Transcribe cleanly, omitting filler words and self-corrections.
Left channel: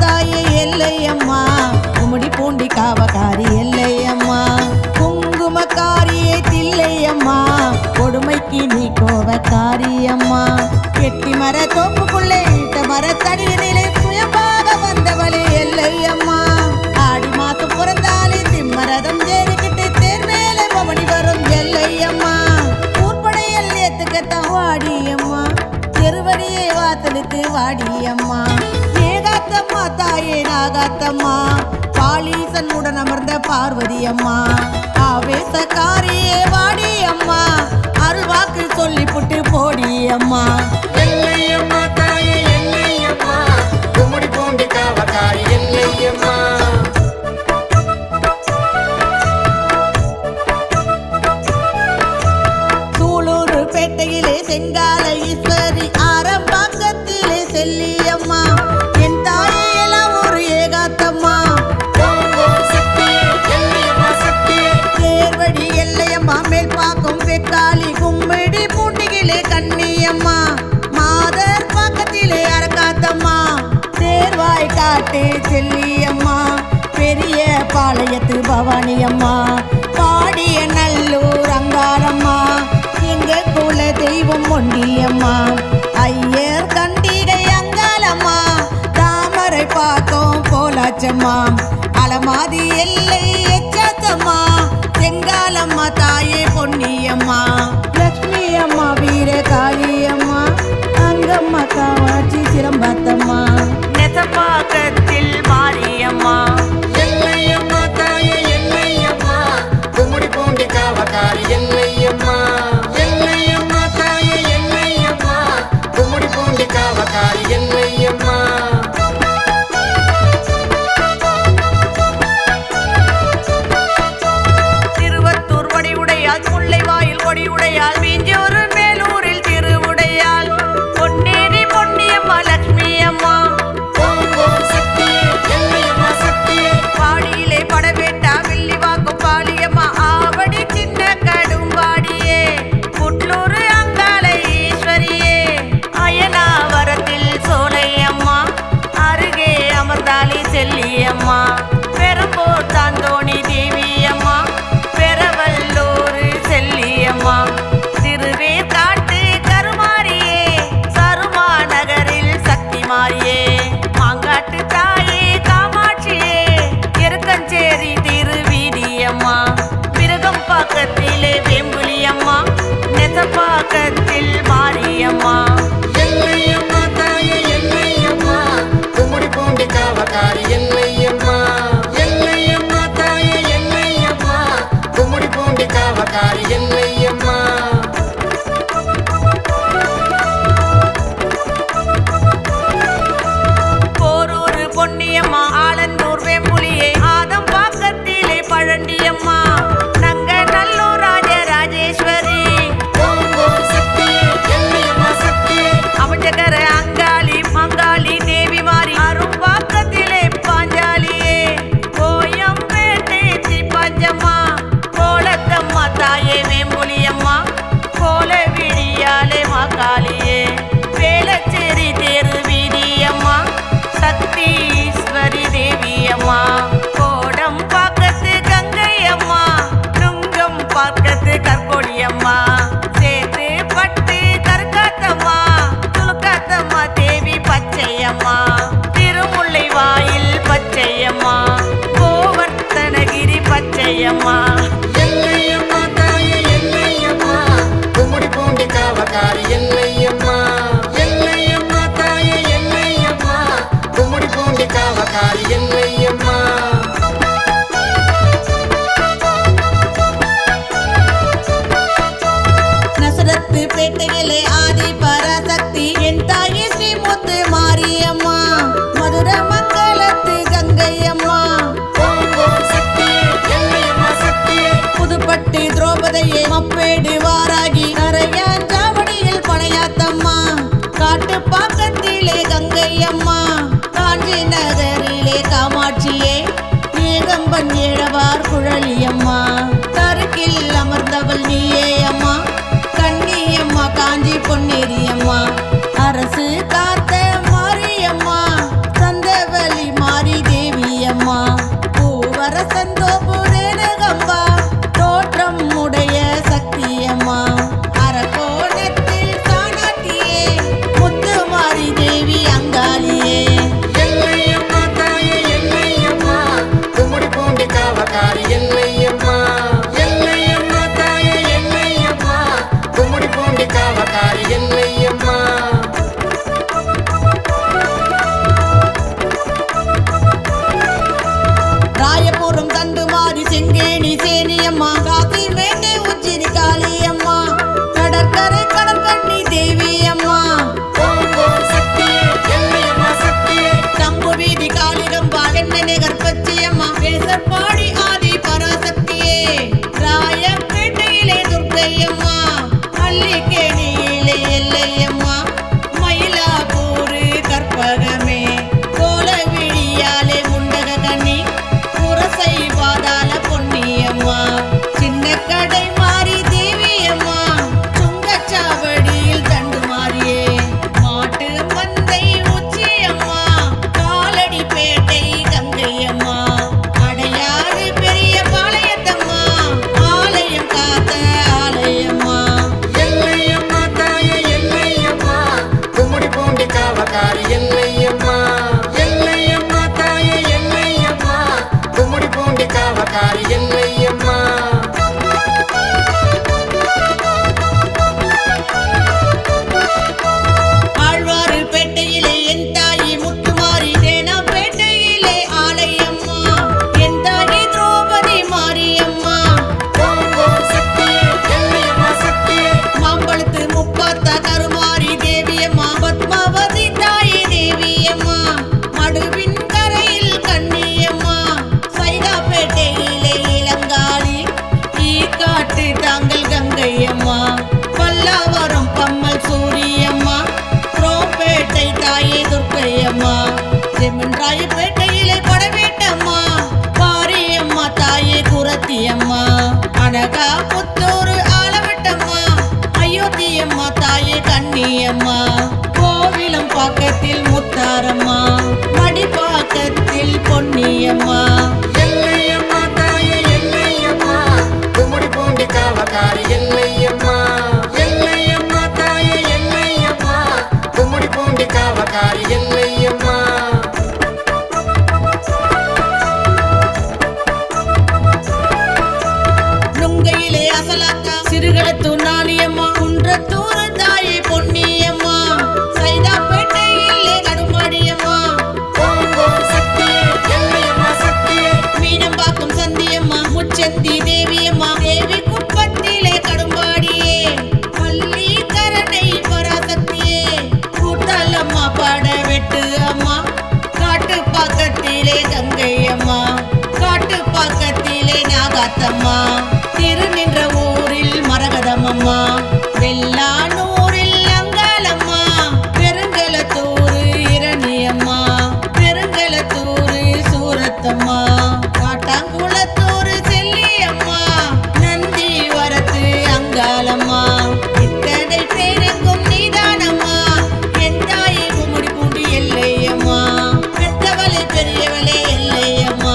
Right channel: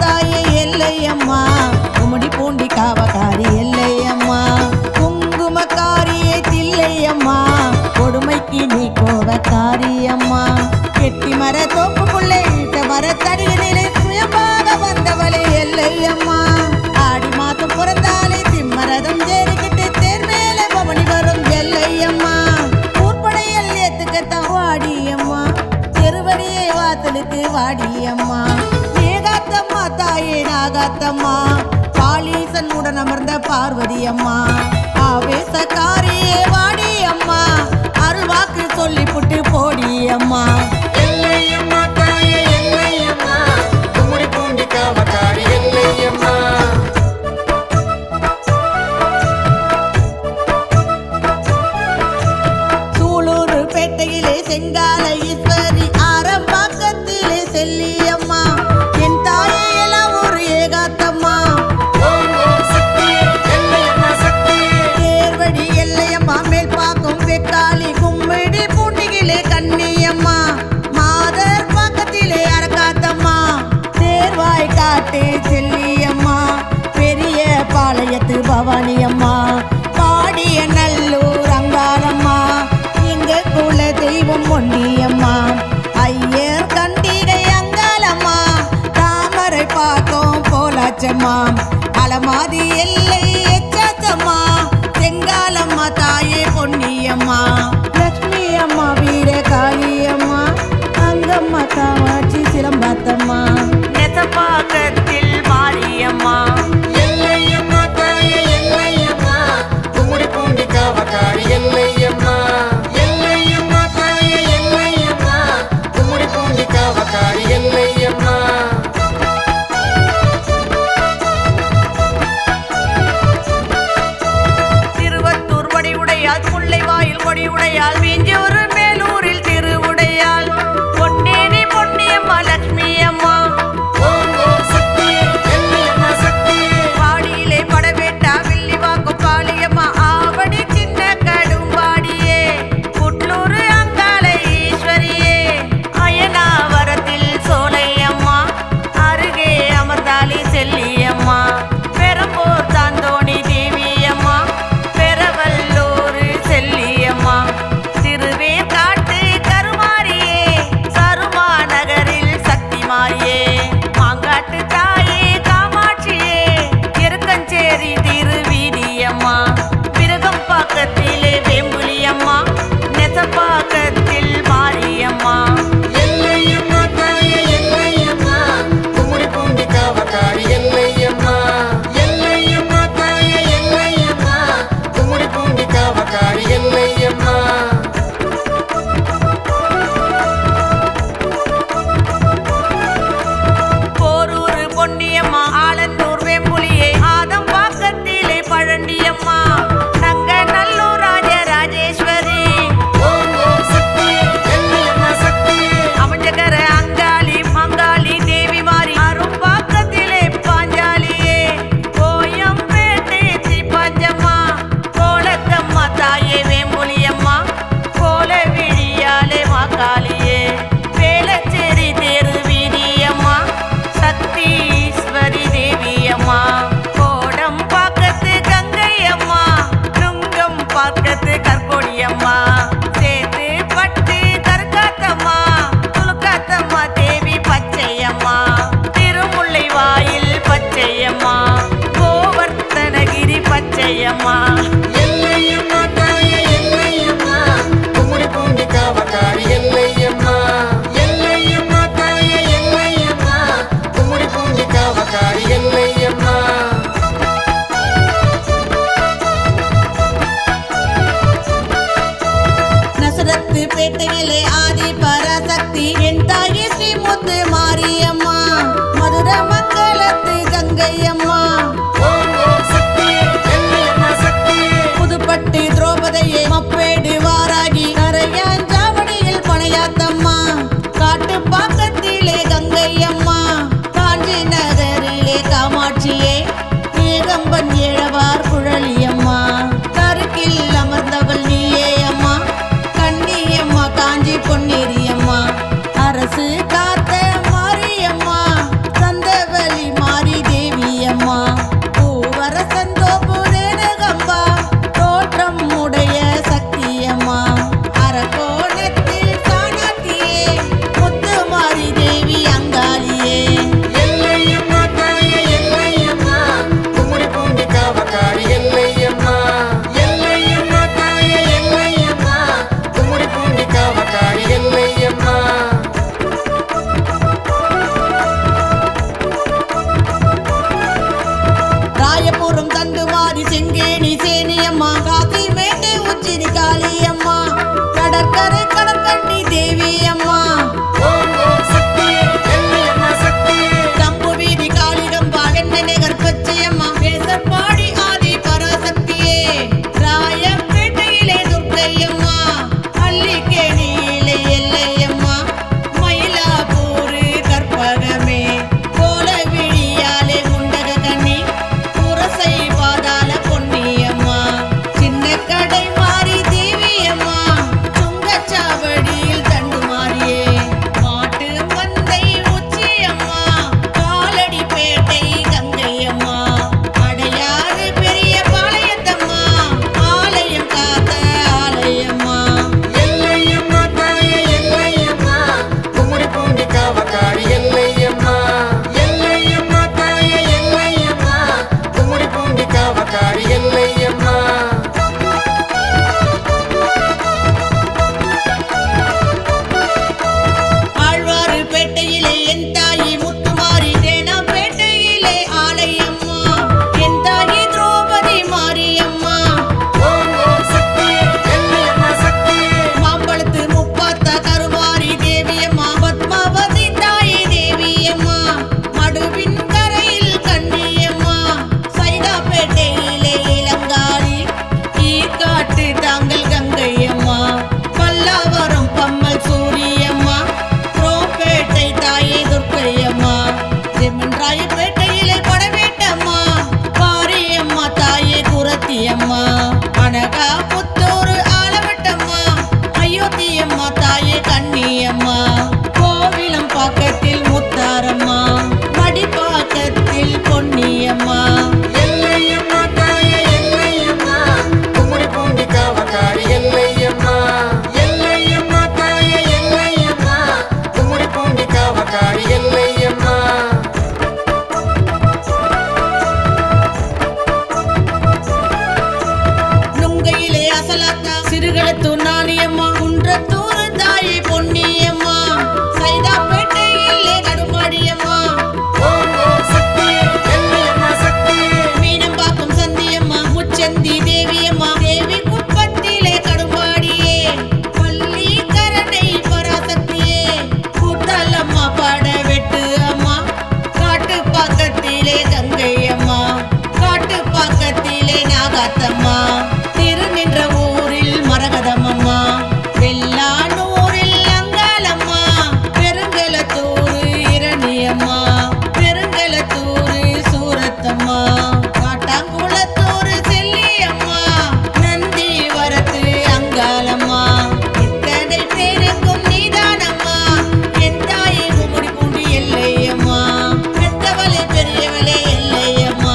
தாயே எல்லையம்மா, கும்மிடி பூண்டி காவக்காரி எல்லையம்மா, குங்குமக்காரியே தில்லையம்மா, கொடுமைக்கு நீ கோவக்காரியம்மா. எட்டி மர தோப்புக்குள்ளே இட்ட மரத்தடியினிலே சுயமாக வந்தவளே எல்லையம்மா. ஆடி மாசம் பிறந்தாலே திம்மரதம் ஏறிக்கிட்டு தேர் மேலே பவனி வரும் எல்லையம்மா. ஊர்படையல் ஏத்துக்கத்தான் வாடியம்மா, தெருவடியே வாசலுக்கு வாடியம்மா. ஏகாத்தம்மா தாயே நாகாத்தம்மா, பாலீசன் உடன் அமர்ந்த பார்வதி அம்மா. ஆவேசக்காரியே வாடியம்மா, அருள்வாக்கு சொல்லி புட்டு போடியம்மா. சூலூர் பேட்டையிலே செங்கால ஈஸ்வரி, ஆரம்பாக்கத்திலே செல்லியம்மா. என் தாயே எல்லாம் ஒரு ஏகாத்தம்மா, தேர்வடி எல்லையம்மா, மேல் பாக்கும் பெக்காளி, கும்மிடி பூண்டிகிலே கண்ணியம்மா, மாதர் பாக்கத்திலே அரக்காத்தம்மா, தேர்வாய் காட்டு செல்லியம்மா, பெரிய பாளையத்து பவானியம்மா, பாடிய நல்லூர் அங்காளம்மா, எங்க குல தெய்வம் ஒண்டியம்மா. ஐயர் கண்டிகை அங்காளம்மா, தாமரை பாக்கம் போலாச்சம்மா, அலமாதி எல்லை எச்சாத்தம்மா, செங்காலம்மா தாயே பொன்னியம்மா. லட்சுமி அம்மா வீர காளியம்மா, அங்கம்மா காவாட்சி சிலம்பாத்தம்மா, நெசப்பாக்கத்தில் மாரியம்மா. திருவத்தூர் வடிவுடையால், முல்லைவாயில் கொடியுடையால், மீஞ்சூர் மேலூரில் திருவுடையால், பொன்னேரி பொன்னியம்மா லட்சுமி அம்மா. பாடியிலே படவேட்டா வில்லிவாக்கும் பாலியம்மா, ஆவடி சின்ன கடும்பாடியே, புட்லூர் அங்காள ஈஸ்வரியே, அயனாவரத்தில் சோலையம்மா, அருகே அமர்ந்தாலி செல்லியம்மா, பெரம்போர் தாந்தோணி தேவியம்மா, பெரவல்லூர் செல்லியம்மா, திருவேற்காட்டு கருமாரியே, சருமா நகரில் சக்தி மாரியே, மாங்காட்டு தாயே காமாட்சியே, எருக்கஞ்சேரி திருவீதியம்மா, விருகம் பாக்கத்திலே வேம்புலியம்மா, நெசப்பாக்கத்தில் மாரியம்மா. போரூர் பொன்னியம்மா, ஆலந்தூர் வேம்புலியே, ஆதம் பாக்கத்திலே பழண்டியம்மா, நங்க நல்லூர் ராஜராஜேஸ்வரி, அமைஞ்சகர அங்காளி மங்காளி தேவி மாறி, அரும்பாக்கத்திலே பாஞ்சாலியே, கோயம்பேட்டை தீப்பஞ்சம்மா, கோலத்தம்மா தாயே வேம்புலியம்மா, கோல விழியாலே மாக்காளியே, வேலச்சேரி தேரு வீதியம்மா, சக்தீஸ்வரி தேவியம்மா, கோடம் பாக்கத்து கங்கையம்மா, நுங்கம் பாக்கத்து கற்கொடியம்மா, சேத்து பட்டு கற்காத்தம்மா, துலுக்காத்தம்மா தேவி பச்சையம்மா, திருமுல்லை வாயில் பச்சையம்மா, கோவர்த்தனகிரி பச்சையம்மா. நசரத்து பேட்டையிலே ஆதி பராசக்தி, என் தாயே ஸ்ரீமுத்து மாரியம்மா, மதுர மங்களத்து கங்கையம்மா, புதுப்பட்டி திரௌபதியே, மப்பேடு வாராகி, கரையாஞ்சாவடியில் பனையாத்தம்மா, காட்டு பாக்கத்திலே கங்கையம்மா, காஞ்சி நகரிலே காமாட்சியே, ஏகம்பன் ஏழவார் குழலியம்மா, கருக்கில் அமர்ந்தவள் நீயே அம்மா, கண்ணியம்மா காஞ்சி பொன்னேரியம்மா, அரசு காத்த மாரியம்மா, சந்தவலி அக்கறை கடற்கண்ணி தேவி அம்மா தம்பு வீதி காளிகம்பா வெண்ணெய் கற்பச்சியம்மா பேசற்பாடி ஆதி பராசக்தியே ராயப்பேட்டையிலே துர்க்கையம்மா அள்ளிக்கேணியிலே எல்லையம்மா மயிலாப்பூரு கற்பகமே கோல விழியாலே முண்டக கண்ணி புரசை பாதாள பொன்னியம்மா சின்ன கடை மாறி தேவியம்மா சுங்கச்சாவடியில் தண்டு மாறியே மாட்டு மந்தை உச்சியம்மா காலடி பேட்டை கங்கையம்மா அடையாறு பெரிய பாளையத்தம்மா ஆலயம் காத்த ஆலயம்மா மடுவின் கரையில் கண்ணியம்மா சைதாப்பேட்டையிலே இளங்காளி ஈக்காட்டு தாங்கள் கங்கையம்மா பல்லாவரம் பம்மல் சூரியம்மா புரோப்பேட்டை தாயே துர்க்கையம்மா ஜெமன்ராயப்பேட்டையிலே படவேட்டம்மா பாரியம்மா தாயே குரத்தியம்மா அனகா புத்தூர் ஆலவட்டம்மா அயோத்தியம்மா தாயே கண்ணியம்மா கோவிலம் பாக்கத்தில் முத்தாரம்மா மடிப்பாக்கத்தில் பொன்னியம்மா நுங்கையிலே அசலாத்தா சிறுகளத்தூர் நாணியம்மா குன்றத்தூர் தாயே பொன்னியம்மா சைதாப்பேட்டையிலே கடுமாடியம்மா மீனம்பாக்கம் சந்தியம்மா முச்சந்தி தேவியம்மா தேவி குப்பத்திலே கடும்பாடியே பள்ளிக்கரணை பராசக்தியே கூட்டாலம்மா படவெட்டு அம்மா காட்டுப்பாக்கத்திலே கங்கையம்மா காட்டுப்பாக்கத்திலே நாகாத்தம்மா திருநின்ற ஊரில் மரகதமம்மா வெள்ளானூரில் அங்காளம்மா பெருங்கலத்தூர் இரணியம்மா பெருங்கலத்தூர் சூரத்தம்மா காட்டாங்குளத்தூர் செல்லியம்மா நந்தி வரத்து அங்காளம்மா இத்தனை பேருக்கும் நீதானம்மா என் தாயை குமுடி பூண்டி எல்லையம்மா பெத்தவளே பெரியவளே எல்லையம்மா